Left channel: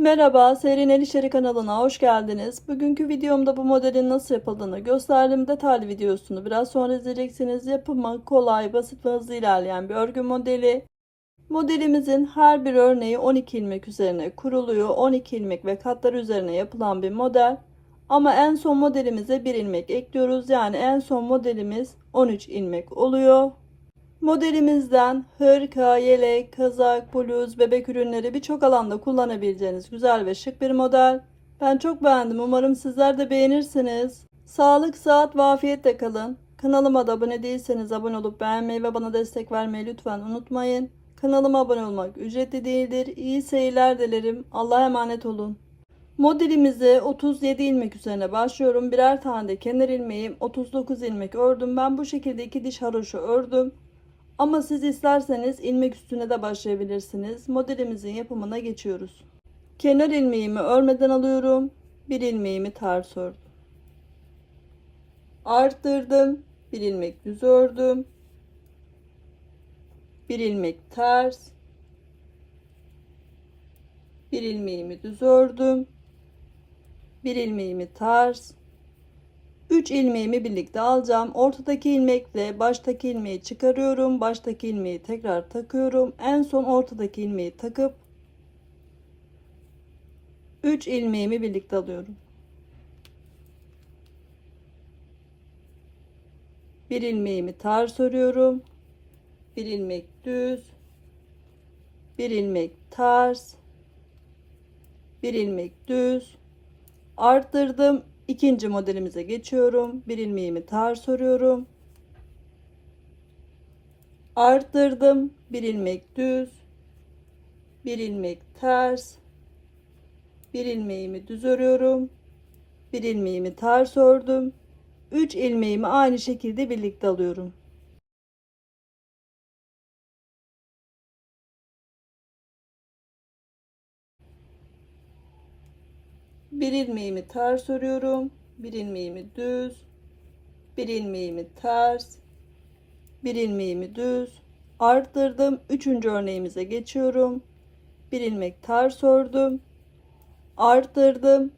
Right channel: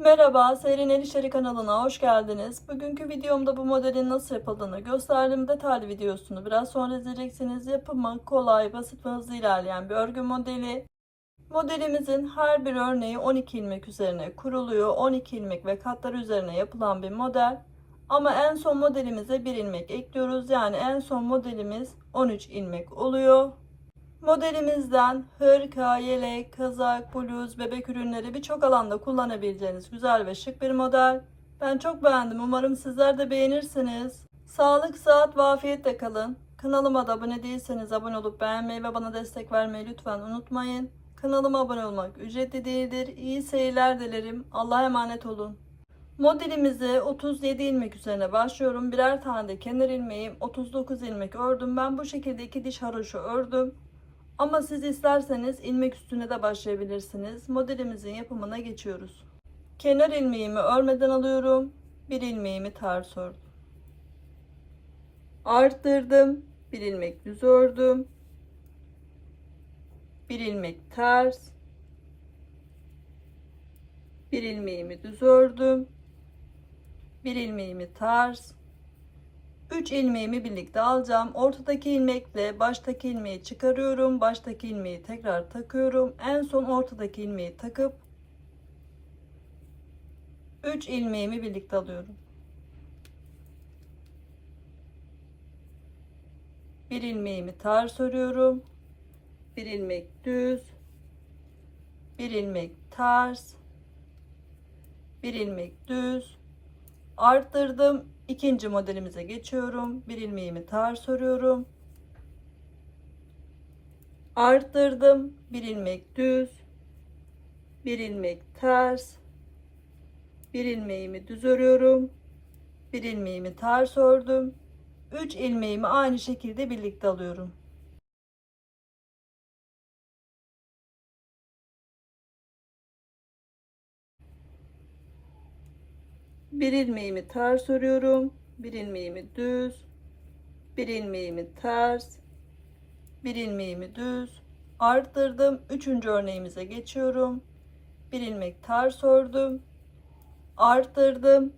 Merhaba, Seyrin El İşleri kanalına hoş geldiniz. Bugünkü videomda bu modelin nasıl yapıldığını gösterdim. Detaylı videosunu biraz sonra izleyeceksiniz. Yapımı kolay, basit ve hızlı ilerleyen bir örgü modeli. Modelimizin her bir örneği 12 ilmek üzerine kuruluyor. 12 ilmek ve katlar üzerine yapılan bir model. Ama en son modelimize 1 ilmek ekliyoruz. Yani en son modelimiz 13 ilmek oluyor. Modelimizden hırka, yelek, kazak, bluz, bebek ürünleri birçok alanda kullanabileceğiniz güzel ve şık bir model. Ben çok beğendim. Umarım sizler de beğenirsiniz. Sağlık, sıhhat ve afiyetle kalın. Kanalıma da abone değilseniz abone olup beğenmeyi ve bana destek vermeyi lütfen unutmayın. Kanalıma abone olmak ücretli değildir. İyi seyirler dilerim. Allah'a emanet olun. Modelimize 37 ilmek üzerine başlıyorum. Birer tane de kenar ilmeğim, 39 ilmek ördüm. Ben bu şekilde 2 diş haroşa ördüm. Ama siz isterseniz ilmek üstüne de başlayabilirsiniz. Modelimizin yapımına geçiyoruz. Kenar ilmeğimi örmeden alıyorum. Bir ilmeğimi ters ördüm. Arttırdım. Bir ilmek düz ördüm. Bir ilmek ters. Bir ilmeğimi düz ördüm. Bir ilmeğimi ters. 3 ilmeğimi birlikte alacağım. Ortadaki ilmekle baştaki ilmeği çıkarıyorum. Baştaki ilmeği tekrar takıyorum. En son ortadaki ilmeği takıp 3 ilmeğimi birlikte alıyorum. Bir ilmeğimi ters örüyorum. Bir ilmek düz, bir ilmek ters, bir ilmek düz, arttırdım. İkinci modelimize geçiyorum. Bir ilmeğimi ters örüyorum. Arttırdım. Bir ilmek düz, bir ilmek ters, bir ilmeğimi düz örüyorum. Bir ilmeğimi ters ördüm. 3 ilmeğimi aynı şekilde birlikte alıyorum. Bir ilmeğimi ters örüyorum. Bir ilmeğimi düz, bir ilmeğimi ters, bir ilmeğimi düz, arttırdım. Üçüncü örneğimize geçiyorum. Bir ilmek ters ördüm, arttırdım.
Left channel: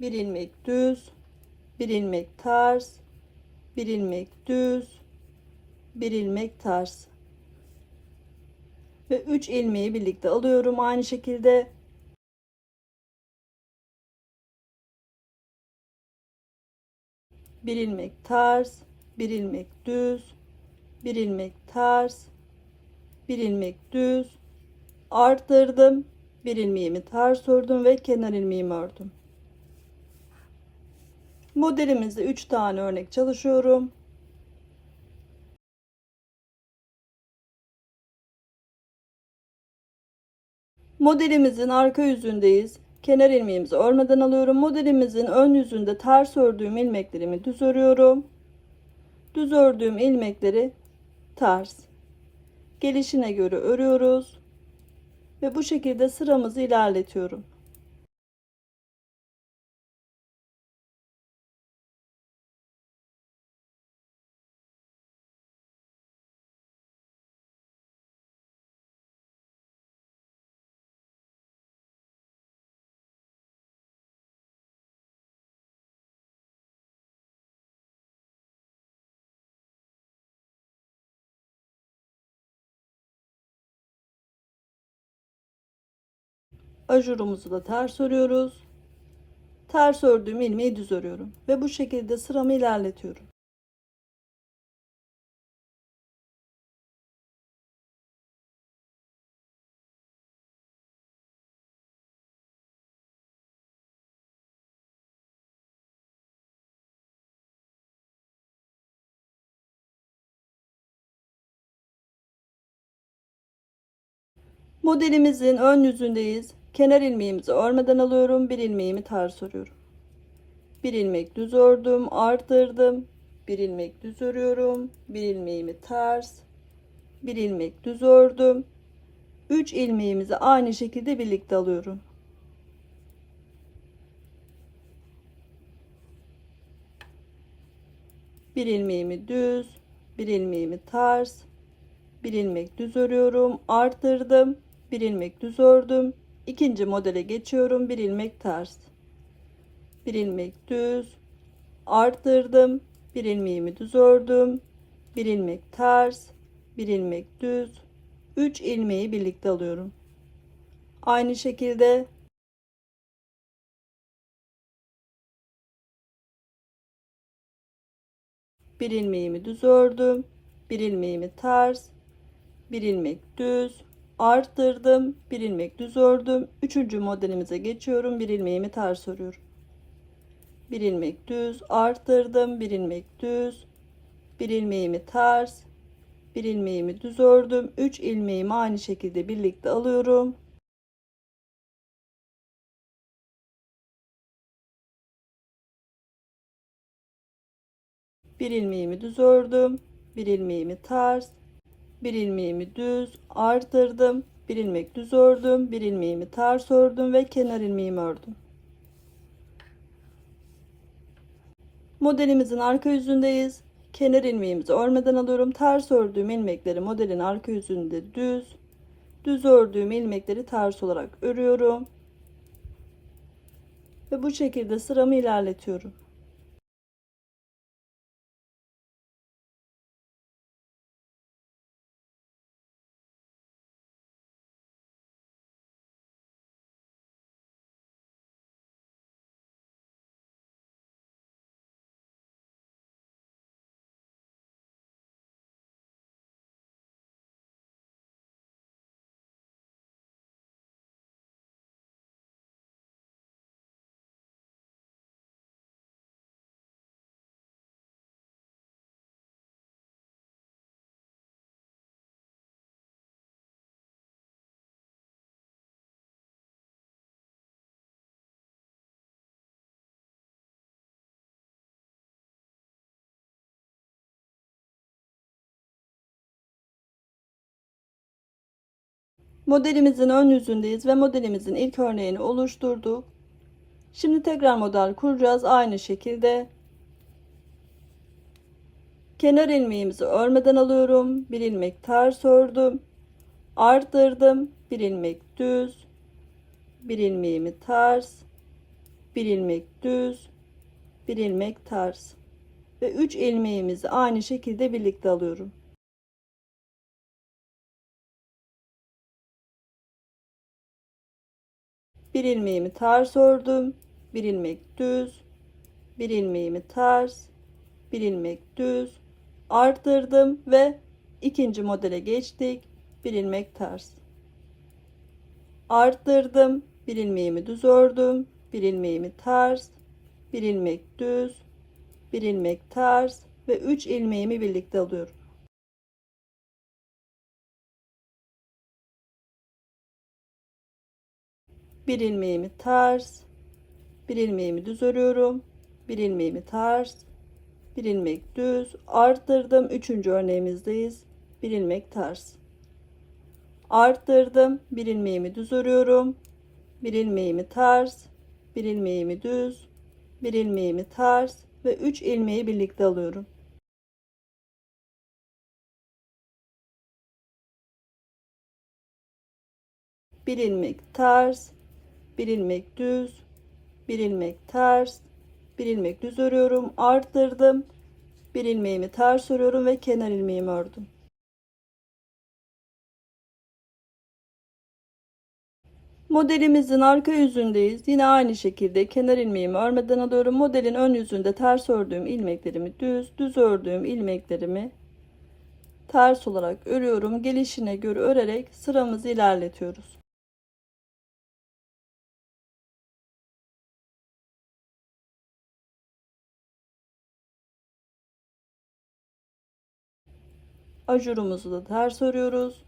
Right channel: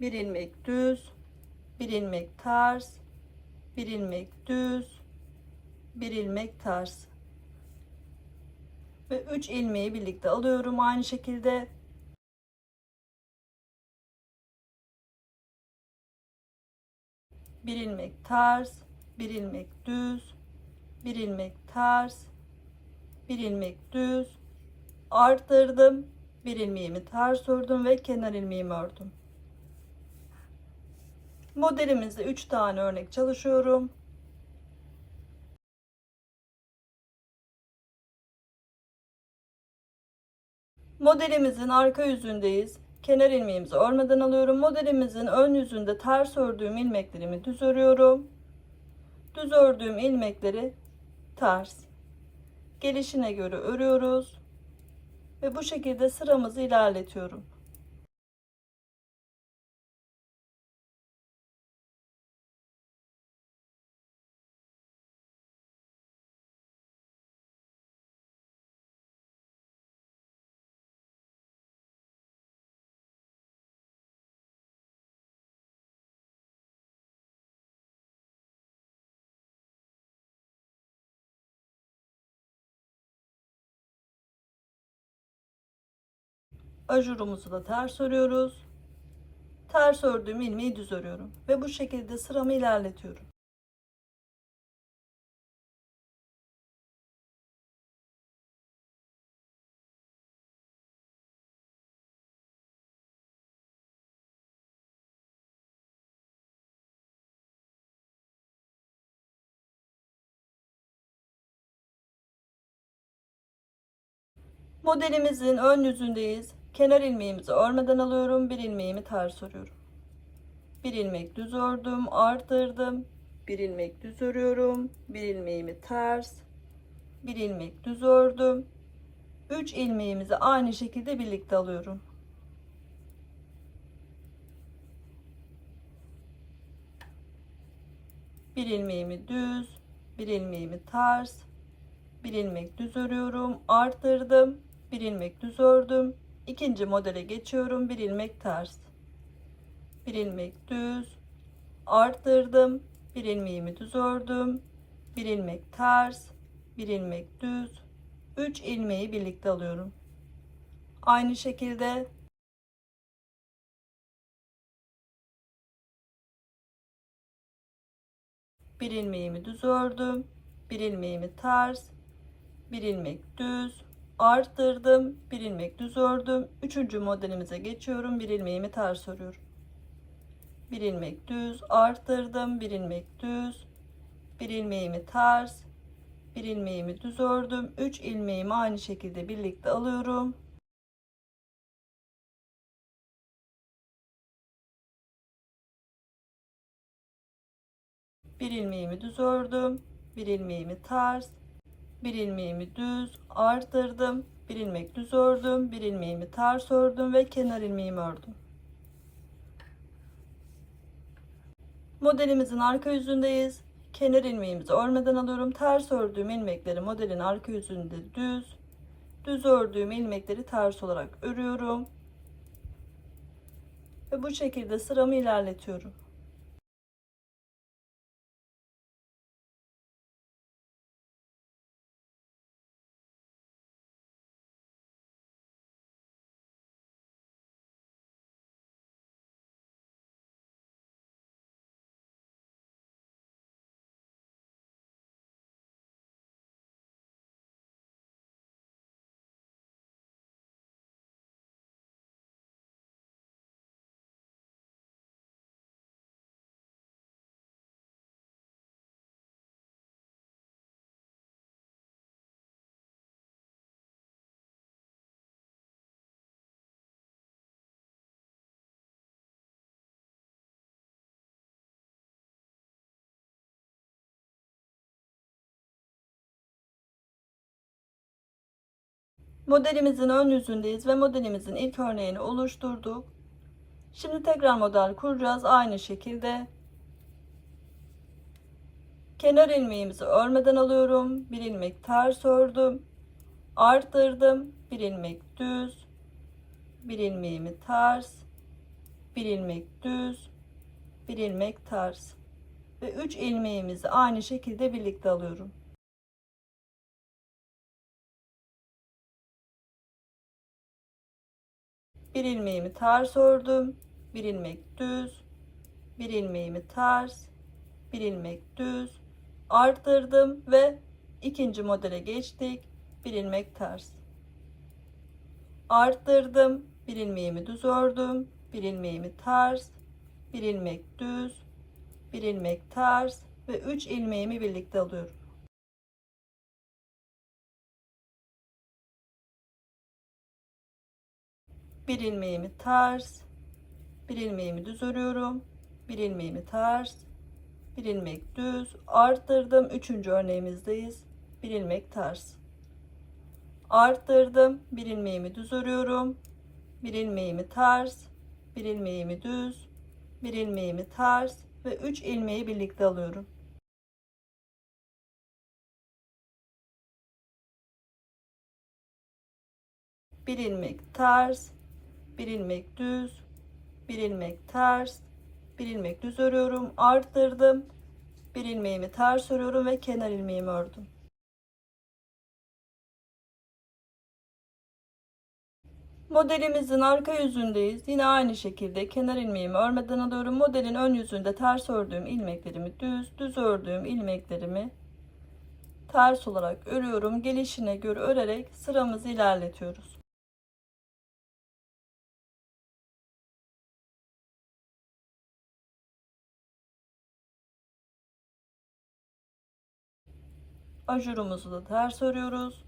Bir ilmek düz, bir ilmek ters, bir ilmek düz, bir ilmek ters ve 3 ilmeği birlikte alıyorum aynı şekilde. Bir ilmek ters, bir ilmek düz, bir ilmek ters, bir ilmek düz, arttırdım. Bir ilmeğimi ters ördüm ve kenar ilmeğimi ördüm. Modelimizde 3 tane örnek çalışıyorum. Modelimizin arka yüzündeyiz. Kenar ilmeğimizi örmeden alıyorum. Modelimizin ön yüzünde ters ördüğüm ilmeklerimi düz örüyorum. Düz ördüğüm ilmekleri ters. Gelişine göre örüyoruz. Ve bu şekilde sıramızı ilerletiyorum. Ajurumuzu da ters örüyoruz. Ters ördüğüm ilmeği düz örüyorum. Ve bu şekilde sıramı ilerletiyorum. Modelimizin ön yüzündeyiz. Kenar ilmeğimizi örmeden alıyorum. Bir ilmeğimi ters örüyorum. Bir ilmek düz ördüm, arttırdım. Bir ilmek düz örüyorum. Bir ilmeğimi ters, bir ilmek düz ördüm. 3 ilmeğimizi aynı şekilde birlikte alıyorum. Bir ilmeğimi düz, bir ilmeğimi ters, bir ilmek düz örüyorum, arttırdım. Bir ilmek düz ördüm. İkinci modele geçiyorum. Bir ilmek ters, bir ilmek düz, arttırdım, bir ilmeğimi düz ördüm, bir ilmek ters, bir ilmek düz, 3 ilmeği birlikte alıyorum. Aynı şekilde bir ilmeğimi düz ördüm, bir ilmeğimi ters, bir ilmek düz, arttırdım, bir ilmek düz ördüm. Üçüncü modelimize geçiyorum. Bir ilmeğimi ters örüyorum. Bir ilmek düz, arttırdım, bir ilmek düz, bir ilmeğimi ters, bir ilmeğimi düz ördüm. 3 ilmeğimi aynı şekilde birlikte alıyorum. Bir ilmeğimi düz ördüm, bir ilmeğimi ters, bir ilmeğimi düz, arttırdım, bir ilmek düz ördüm, bir ilmeğimi ters ördüm ve kenar ilmeğimi ördüm. Modelimizin arka yüzündeyiz. Kenar ilmeğimizi örmeden alıyorum. Ters ördüğüm ilmekleri modelin arka yüzünde düz, düz ördüğüm ilmekleri ters olarak örüyorum ve bu şekilde sıramı ilerletiyorum. Modelimizin ön yüzündeyiz ve modelimizin ilk örneğini oluşturduk. Şimdi tekrar model kuracağız. Aynı şekilde kenar ilmeğimizi örmeden alıyorum. Bir ilmek ters ördüm. Arttırdım. Bir ilmek düz. Bir ilmeğimi ters. Bir ilmek düz. Bir ilmek ters. Ve 3 ilmeğimizi aynı şekilde birlikte alıyorum. Bir ilmeğimi ters ördüm. Bir ilmek düz. Bir ilmeğimi ters. Bir ilmek düz, arttırdım ve ikinci modele geçtik. Bir ilmek ters, arttırdım, bir ilmeğimi düz ördüm, bir ilmeğimi ters, bir ilmek düz, bir ilmek ters ve 3 ilmeğimi birlikte alıyorum. Bir ilmeğimi ters, bir ilmeğimi düz örüyorum, bir ilmeğimi ters, bir ilmek düz, arttırdım. Üçüncü örneğimizdeyiz. Bir ilmek ters, arttırdım, bir ilmeğimi düz örüyorum, bir ilmeğimi ters, bir ilmeğimi düz, bir ilmeğimi ters ve 3 ilmeği birlikte alıyorum. Bir ilmek ters, bir ilmek düz, bir ilmek ters, bir ilmek düz örüyorum, arttırdım, bir ilmeğimi ters örüyorum ve kenar ilmeğimi ördüm. Modelimizin arka yüzündeyiz. Yine aynı şekilde kenar ilmeğimi örmeden alıyorum. Modelin ön yüzünde ters ördüğüm ilmeklerimi düz, düz ördüğüm ilmeklerimi ters olarak örüyorum. Gelişine göre örerek sıramızı ilerletiyoruz. Ajurumuzu da ters örüyoruz.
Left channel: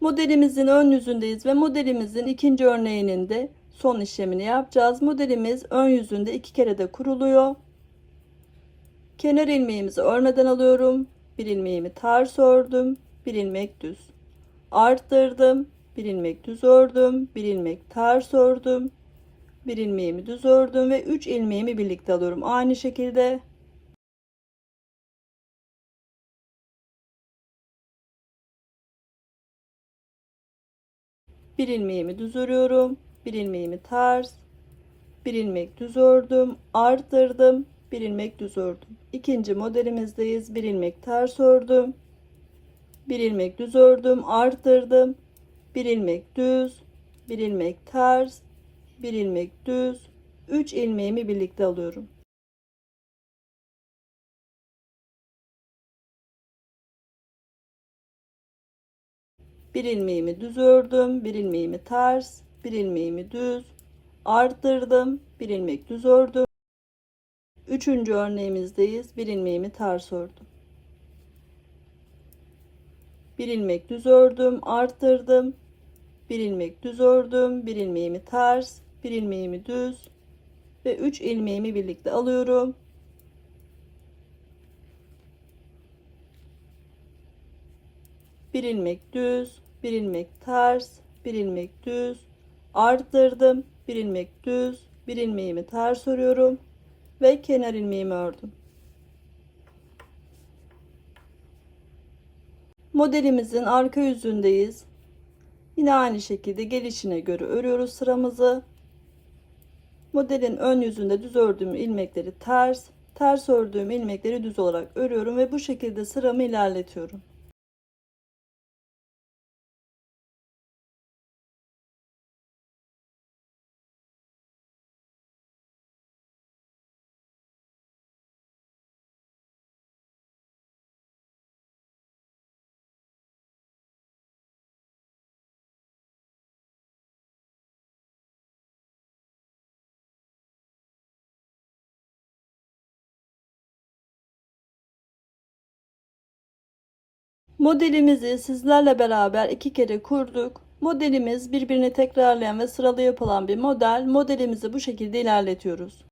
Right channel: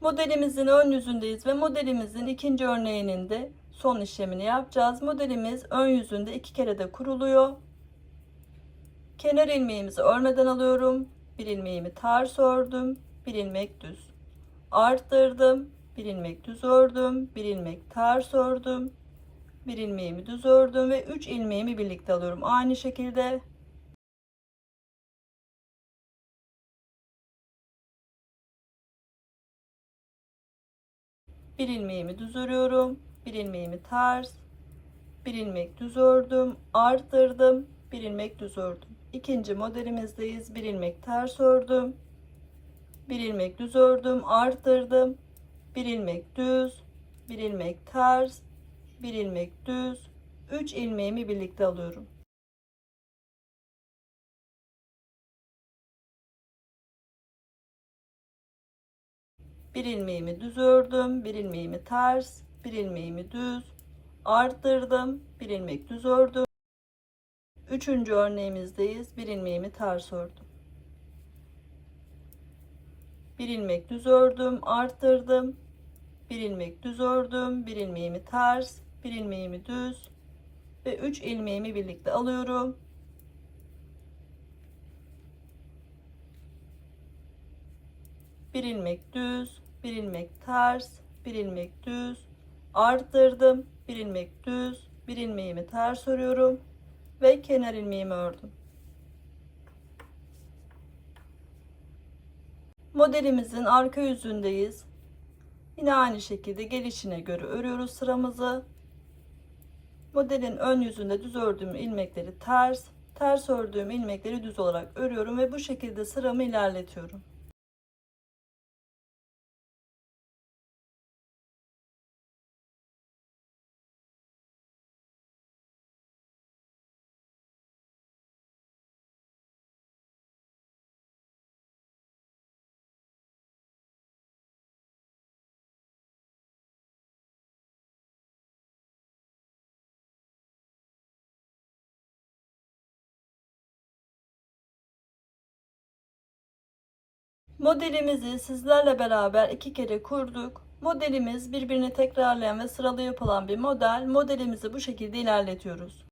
Modelimizin ön yüzündeyiz ve modelimizin ikinci örneğinin de son işlemini yapacağız. Modelimiz ön yüzünde 2 kere de kuruluyor. Kenar ilmeğimizi örmeden alıyorum. Bir ilmeğimi ters ördüm. Bir ilmek düz. Arttırdım. Bir ilmek düz ördüm. Bir ilmek ters ördüm. Bir ilmeğimi düz ördüm ve 3 ilmeğimi birlikte alıyorum. Aynı şekilde bir ilmeğimi düz örüyorum. Bir ilmeğimi ters. Bir ilmek düz ördüm. Arttırdım. Bir ilmek düz ördüm. İkinci modelimizdeyiz. Bir ilmek ters ördüm. Bir ilmek düz ördüm. Arttırdım. Bir ilmek düz. Bir ilmek ters. Bir ilmek düz. 3 ilmeğimi birlikte alıyorum. Bir ilmeğimi düz ördüm. Bir ilmeğimi ters. Bir ilmeğimi düz. Arttırdım. Bir ilmek düz ördüm. Üçüncü örneğimizdeyiz. Bir ilmeğimi ters ördüm. Bir ilmek düz ördüm. Arttırdım. Bir ilmek düz ördüm. Bir ilmeğimi ters. Bir ilmeğimi düz. Ve 3 ilmeğimi birlikte alıyorum. Bir ilmek düz. Bir ilmek ters. Bir ilmek düz. Arttırdım. Bir ilmek düz. Bir ilmeğimi ters örüyorum. Ve kenar ilmeğimi ördüm. Modelimizin arka yüzündeyiz. Yine aynı şekilde gelişine göre örüyoruz sıramızı. Modelin ön yüzünde düz ördüğüm ilmekleri ters, ters ördüğüm ilmekleri düz olarak örüyorum ve bu şekilde sıramı ilerletiyorum. Modelimizi sizlerle beraber 2 kere kurduk. Modelimiz birbirini tekrarlayan ve sıralı yapılan bir model. Modelimizi bu şekilde ilerletiyoruz.